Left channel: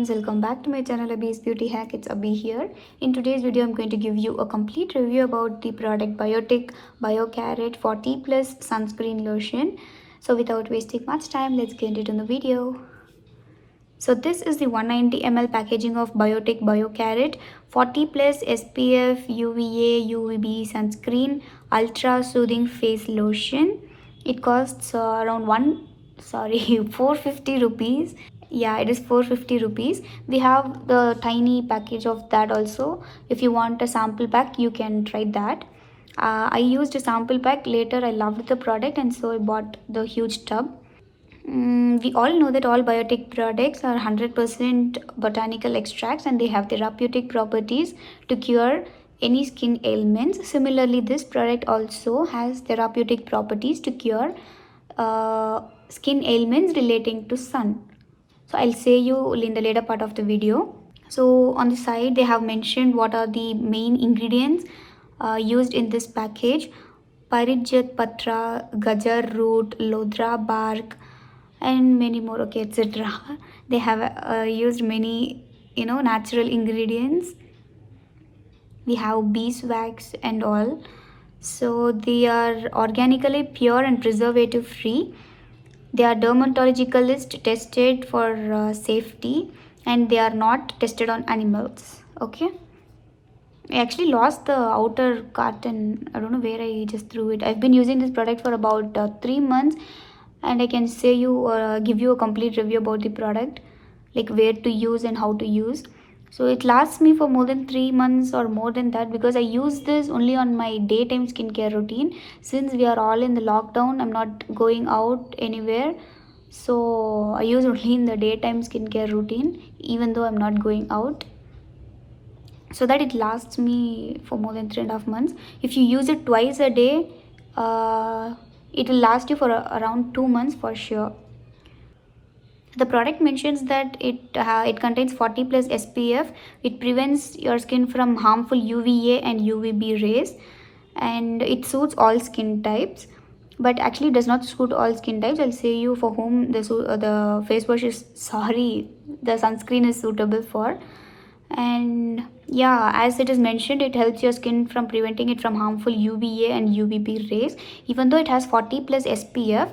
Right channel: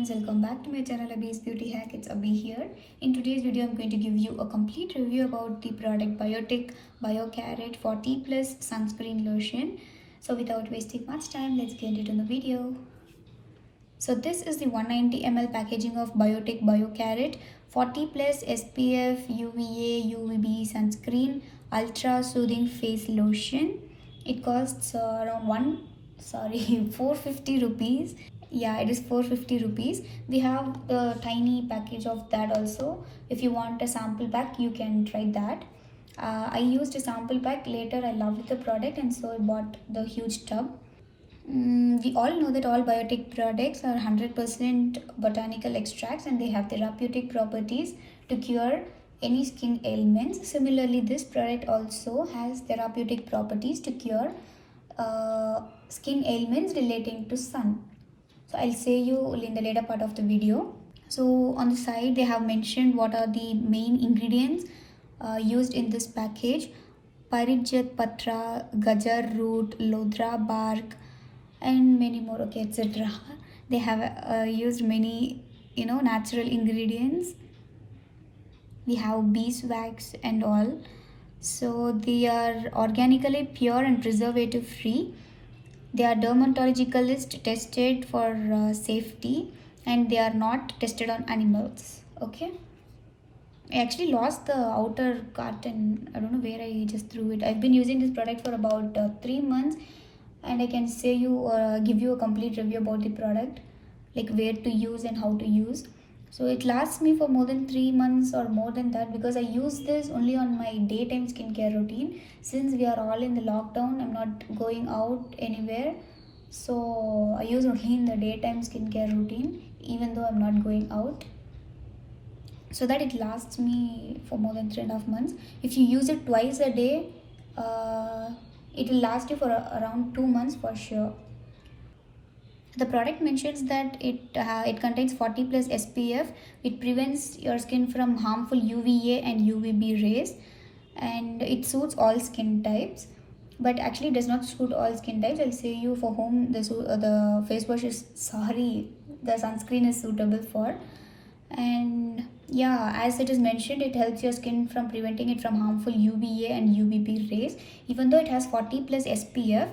friends, welcome back to my channel Abhi's Beauty Hack. It's Abhi here. In today's video I'm going to give you a complete review about the product Biotic BioCarat 40 plus sunscreen lotion. So without wasting much time, let's get into the video. So this is the 190 ml packaging of Biotic BioCarat 40 plus SPF UVA UVB sunscreen ultra soothing face lotion. It costs around 450 rupees. Yeah, it is 450 rupees. We have the tiny package of that also. If you want a sample pack, you can try that. I used a sample pack. Later I loved the product and so I bought the huge tub. We all know that all biotic products are 100% botanical extracts and they have therapeutic properties to cure any skin ailments. Similarly, this product also has therapeutic properties to cure skin ailments relating to sun. So I'll say you in the later part of the video. So on the side they have mentioned what are the main ingredients used in this package: Parijat Patra, Gajar root, Lodra bark, and many more, okay, etc. They have used many natural ingredients. We have beeswax and all. So they are organically pure and preservative free. They are dermatologically tested for safety and they are not tested on animals. Okay, I actually lost the outer carton. I don't know where I just threw it. I've been using this product for about 3 months and I can say you give you a complete review about the product, like where to use and how to use. So it lasts me for more than 3 months or more than that, because I use this only on my daytime skincare routine. Since we are all in the lockdown, I'm not going out anywhere, so I use only in the daytime skincare routine even though I'm not going out, so that it lasts me for more than 3.5 months. If you use it twice a day, it will last you for around 2 months for sure. The product mentions that it contains 40 plus SPF. It prevents your skin from harmful UVA and UVB rays, and it suits all skin types. But actually, it does not suit all skin types. I'll say you for whom the face wash is the sunscreen is suitable for. And yeah, as it is mentioned, it helps your skin from preventing it from harmful UVA and UVB rays. Even though it has 40 plus SPF,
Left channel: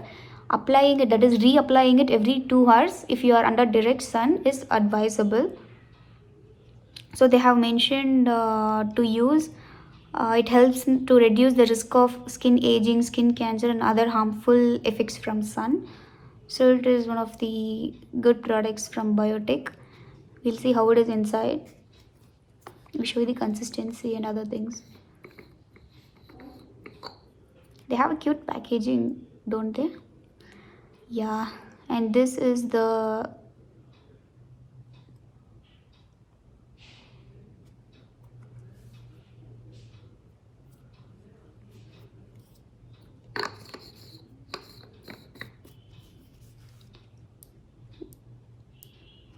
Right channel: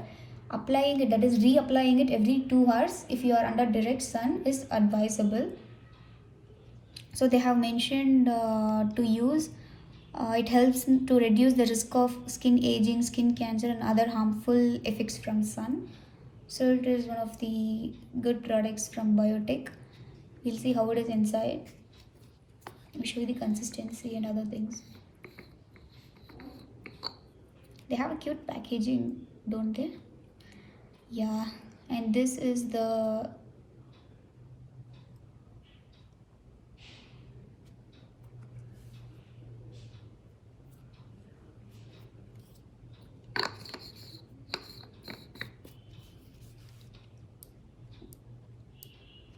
applying it, that is reapplying it every 2 hours if you are under direct sun, is advisable. So they have mentioned to use it helps to reduce the risk of skin aging, skin cancer, and other harmful effects from sun. So it is one of the good products from Biotic. We'll see how it is inside. We show you the consistency and other things. They have a cute packaging, don't they? Yeah, and this is the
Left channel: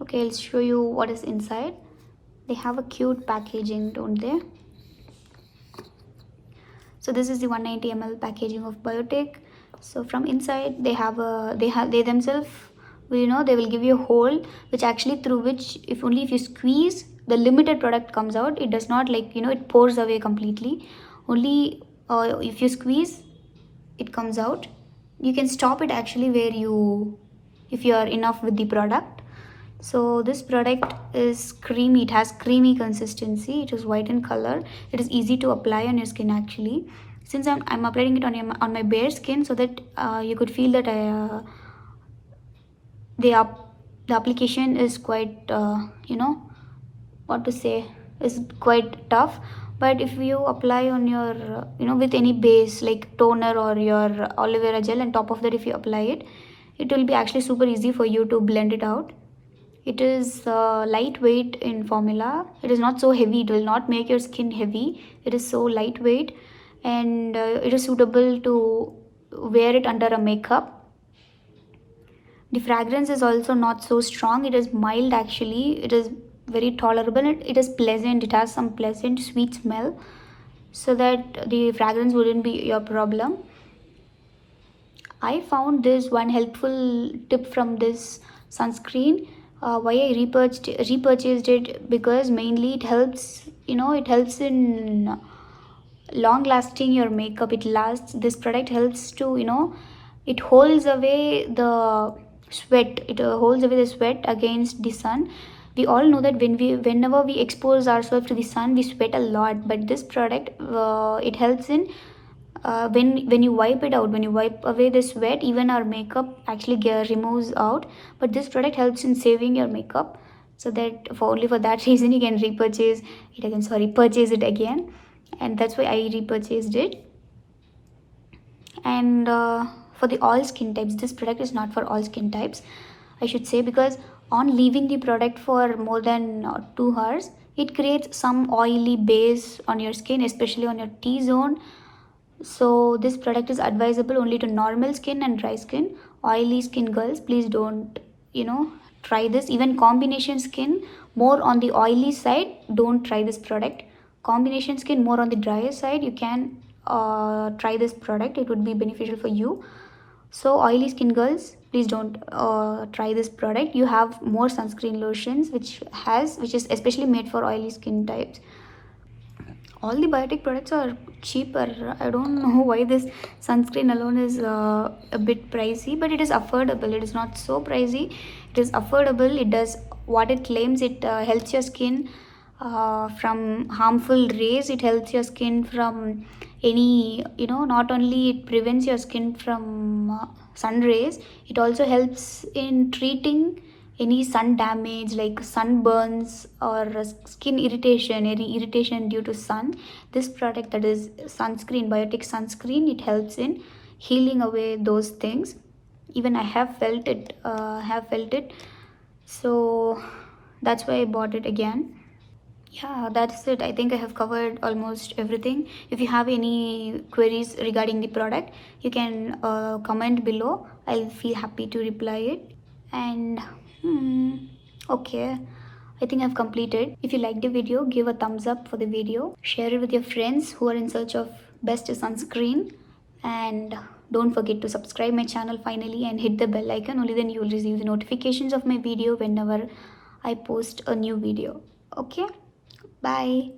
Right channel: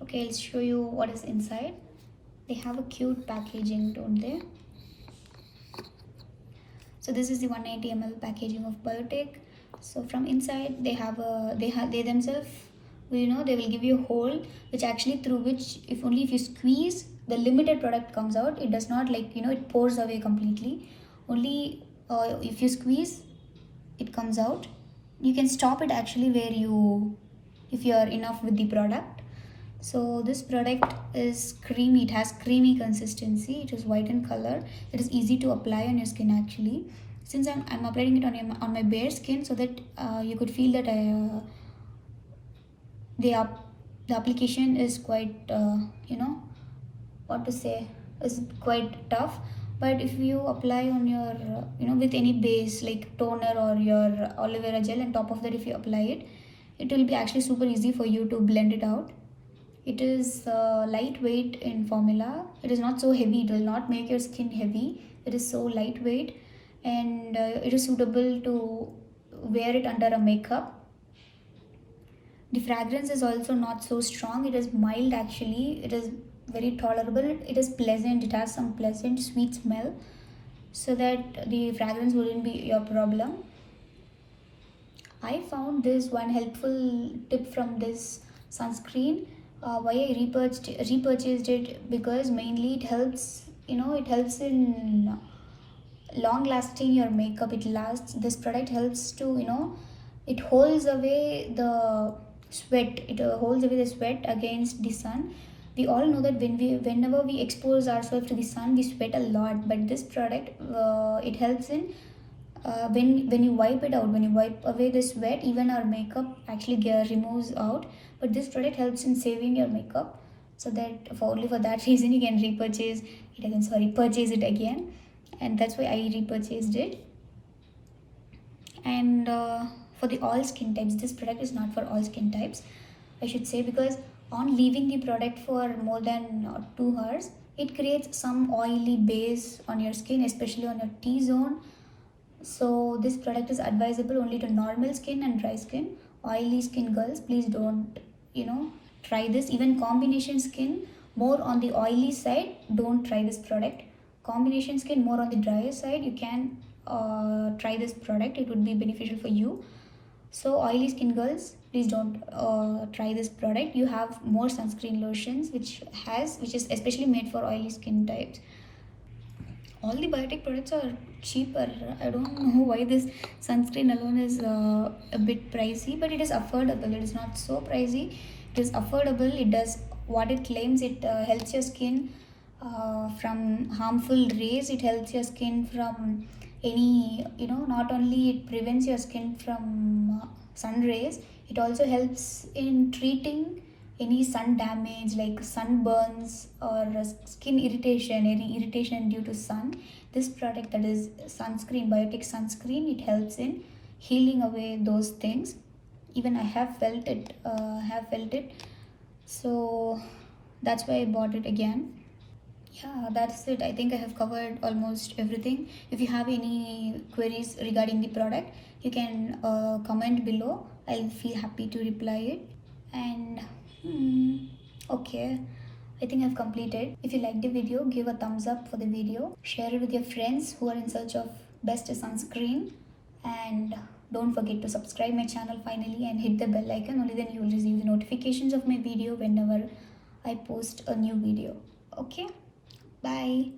okay, I'll show you what is inside. They have a cute packaging, don't they? So this is the 190 ml packaging of Biotic. So from inside they themselves, they will give you a hole which actually through which if you squeeze, the limited product comes out. It does not it pours away completely. Only if you squeeze, it comes out. You can stop it actually if you are enough with the product. So this product is creamy. It has creamy consistency. It is white in color. It is easy to apply on your skin actually. Since I'm applying it on my bare skin, so that you could feel that the application is quite what to say, is quite tough. But if you apply on your with any base like toner or your aloe vera gel, and top of that if you apply it, it will be actually super easy for you to blend it out. It is lightweight in formula. It is not so heavy. It will not make your skin heavy. It is so lightweight, and it is suitable to wear it under a makeup. The fragrance is also not so strong. It is mild actually. It is very tolerable. It is pleasant. It has some pleasant sweet smell, so that the fragrance wouldn't be your problem. I found this one helpful tip from this sunscreen. Why I repurchased it, because mainly it helps, it helps in long lasting your makeup. It lasts, this product helps to, it holds away the sweat, it holds away the sweat against the sun. We all know that whenever we expose ourselves to the sun, we sweat a lot, but this product, it helps in, when you wipe it out, when you wipe away the sweat, even our makeup actually removes out. But this product helps in saving your makeup, so that for only for that reason you can repurchase it again, sorry, purchase it again. And that's why I repurchased it. And for the all skin types, this product is not for all skin types, I should say, because on leaving the product for more than 2 hours, it creates some oily base on your skin, especially on your T-zone. So this product is advisable only to normal skin and dry skin. Oily skin girls, please don't, try this. Even combination skin, more on the oily side, don't try this product. Combination skin, more on the drier side, you can try this product, it would be beneficial for you. So oily skin girls, please don't try this product. You have more sunscreen lotions which is especially made for oily skin types. All the biotic products are cheaper. I don't know why this sunscreen alone is a bit pricey, but it is affordable. It is not so pricey, it is affordable. It does what it claims. It helps your skin from harmful rays. It helps your skin from any, not only it prevents your skin from sun rays, it also helps in treating any sun damage like sunburns or skin irritation, any irritation due to sun. This product, that is sunscreen, biotic sunscreen, it helps in healing away those things. Even I have felt it, so that's why I bought it again. Yeah, that's it. I think I have covered almost everything. If you have any queries regarding the product, you can comment below. I'll feel happy to reply it. And okay, I think I've completed. If you liked the video, give a thumbs up for the video. Share it with your friends who are in search of best sunscreen. And don't forget to subscribe my channel finally and hit the bell icon. Only then you will receive the notifications of my video whenever I post a new video. Okay, bye.